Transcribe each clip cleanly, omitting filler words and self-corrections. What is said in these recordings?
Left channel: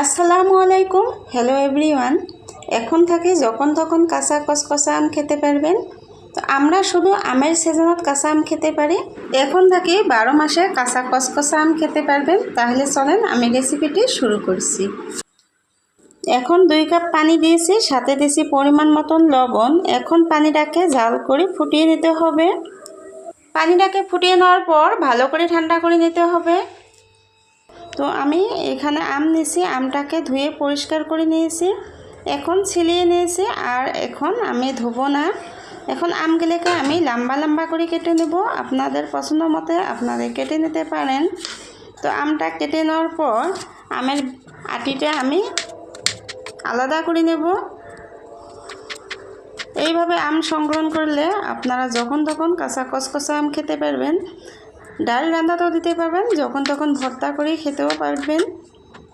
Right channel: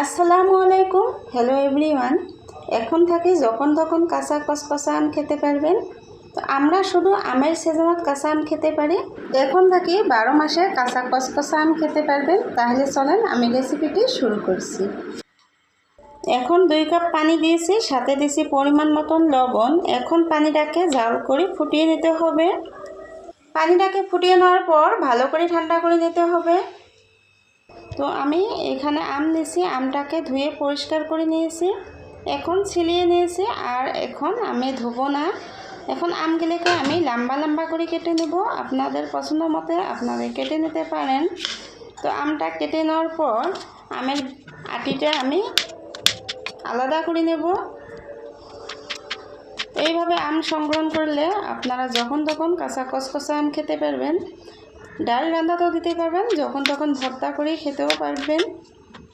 আসসালামু আলাইকুম। Hello everyone. এখন থেকে যখন তখন কাঁচা কসকসা আম খেতে পারবেন। তো আমরা শুধু আমের সিজনত কাঁচা আম খেতে পারি, এখন থেকে 12 মাসে কাঁচা কসকসা আম খেতে পারবেন। তাহলে চলেন আমি রেসিপিটি শুরু করছি। এখন 2 কাপ পানি দিয়েছি, সাথে দিয়েছি পরিমাণ মতন লবণ। এখন পানিটাকে জাল করে ফুটিয়ে নিতে হবে। পানিটাকে ফুটিয়ে নেওয়ার পর ভালো করে ঠান্ডা করে নিতে হবে। তো আমি এখানে আম নিয়েছি, আমটাকে ধুয়ে পরিষ্কার করে নিয়েছি, এখন ছিলিয়ে নিয়েছি। আর এখন আমি ধোবো না। এখন আমগুলোকে আমি লম্বা লম্বা করে কেটে নেব। আপনাদের পছন্দ মতে আপনারা কেটে নিতে পারেন। তো আমটা কেটে নেওয়ার পর আমের আটিটা আমি আলাদা করে নেব। এইভাবে আম সংগ্রহ করলে আপনারা যখন তখন কাঁচা কসকসা আম খেতে পারবেন। ডাল রান্নাতেও দিতে পারবেন, যখন তখন ভর্তা করে খেতেও পারবেন।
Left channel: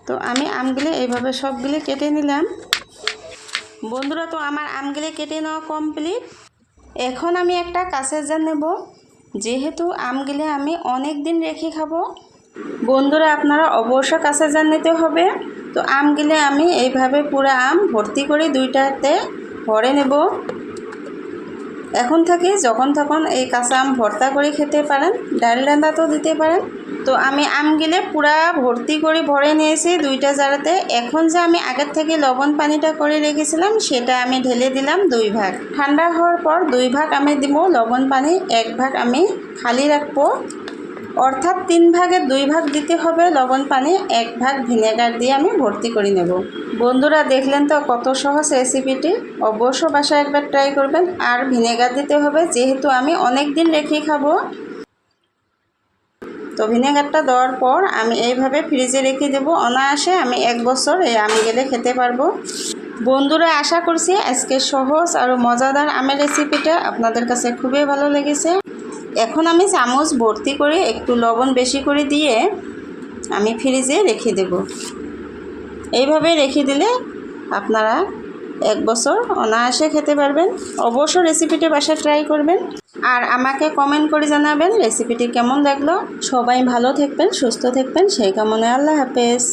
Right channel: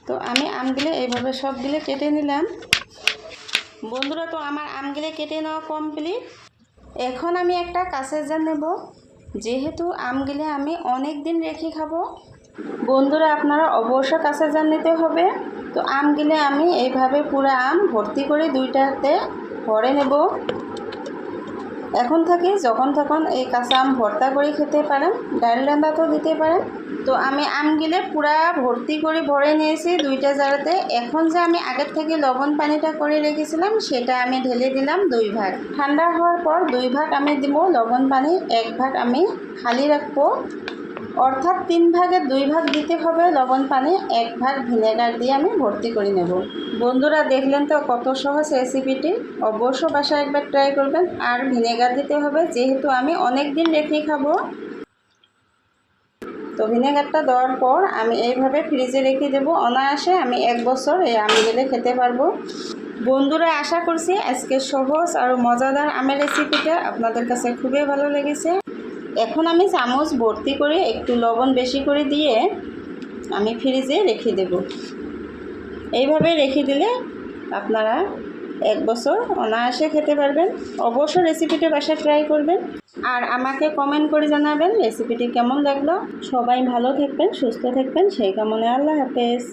তো আমি আমগুলো এইভাবে সবগুলো কেটে নিলাম। বন্ধুরা, তো আমার আমগুলো কেটে নেওয়া কমপ্লিট। এখন আমি একটা কাঁচের জার নেব, যেহেতু আমগুলো আমি অনেক দিন রেখে খাবো। বন্ধুরা, আপনারা অবশ্যই কাঁচের জার নিতে হবে। তো আমগুলো আমি এইভাবে পুরো আম ভর্তি করে 2টাতে ভরে নেব। এখন থেকে যখন তখন এই কাঁচা আম ভর্তা করে খেতে পারেন, ডাল রান্নাতেও দিতে পারেন। তো আমি আমগুলো পুরা ভর্তি করে ভরে নিয়েছি 2টা জারেতে। এখন যে আমি আগের থেকে লবণ পানিটা করে রেখেছিলাম, সেটা আমি ঢেলে দিলাম 2 ভাগ। ঠান্ডা হওয়ার পর 2 ভাগ আমি দিব লবণ পানি, 1 ভাগ আমি খালি রাখবো। অর্থাৎ 3 ভাগের 2 ভাগ দিতে হবে লবণ পানি, 1 ভাগ ভিনেগার দিয়ে আমি ভর্তি করে নেব। বন্ধুরা, দেখলেন তো কত সহজ রেসিপিটি। অবশ্য বাসায় একবার ট্রাই করবেন। আর ভিনেগার দিতে হবে, যেহেতু আমি অনেক দিন রেখে খাবো। তো ভিনেগারটা দেওয়ার পর আমি এইভাবে ফ্রিজে রেখে দেবো। অনায়াসে আমি 1 বছর এই আমগুলো খেতে পারবো। বন্ধুরা, আশা করছি আজকে সহজ আর মজাদার আমের রেসিপিটা আপনাদের কাছে খুবই ভালো লেগেছে। এখন আমি চামচ ভর্তি করে একটু লবণ বেশি করে দিয়ে আমি ফ্রিজে রেখে দেব। এইভাবে রেখে দিলে আপনারা 1 বছর অনায়াসে খেতে পারবেন। অবশ্য রেসিপিটি বাসায় ট্রাই করবেন আর আমাকে কমেন্ট করে জানাবেন রেসিপিটি কেমন লাগলো। সবাই ভালো থাকবেন, সুস্থ থাকবেন, সেই কামনায় আল্লাহ হাফেজ।